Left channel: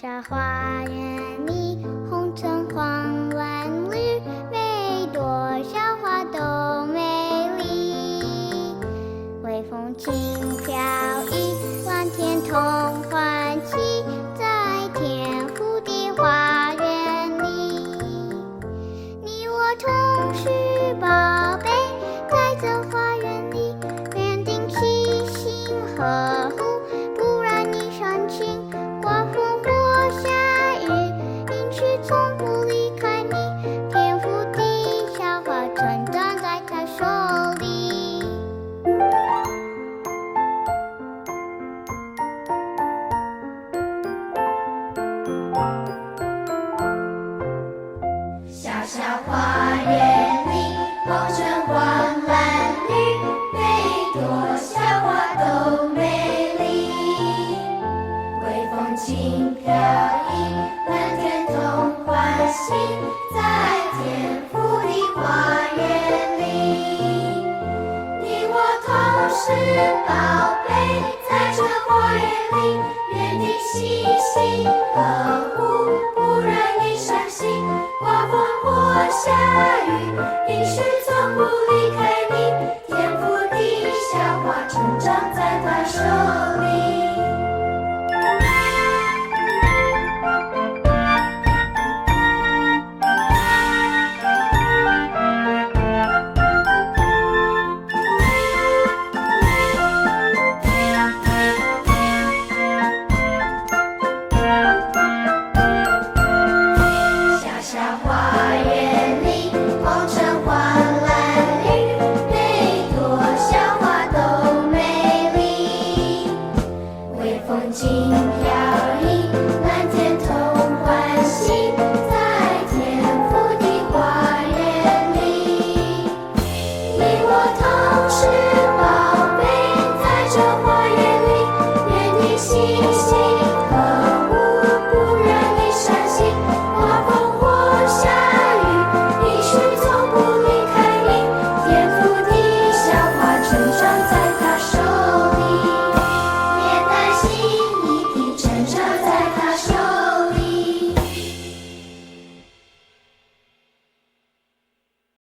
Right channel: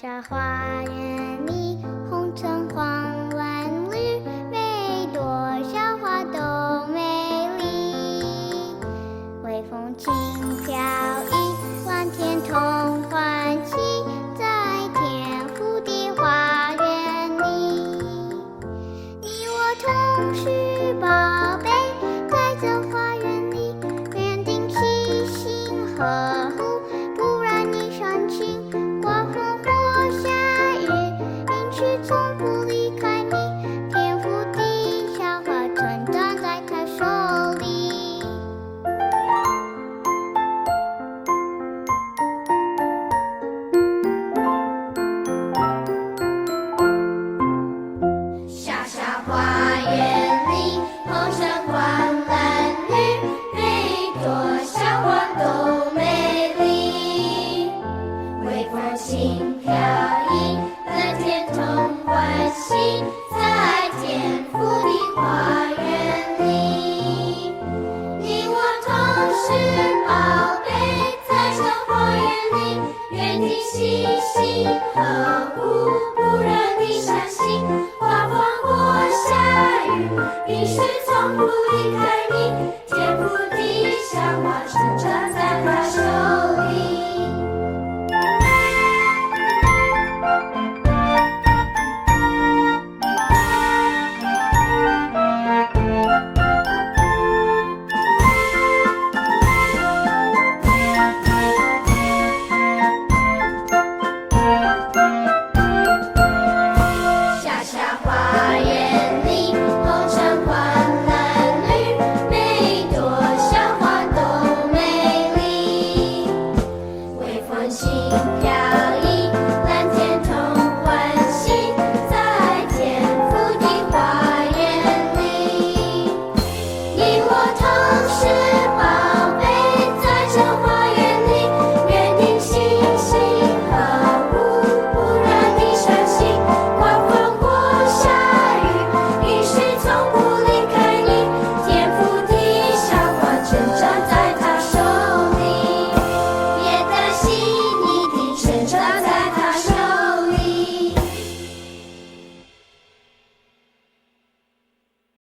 小花园里，红橙黄蓝绿，每朵小花都美丽。微风轻飘逸，蓝天同欢喜，在天府的花园里。你我同是宝贝，在这花园里，约定齐心呵护，不让你伤心。刮风或下雨，阴雨从不离开你。天府的小花成长在他手里。小小花园里，红橙黄蓝绿，每朵小花都美丽。微风轻飘逸，蓝天同欢喜，在天府的花园里。你我同是宝贝，在这花园里，愿你细心呵护，不让你伤心。刮风或下雨，阴雨从不离开你。天府的小花成长在他手里。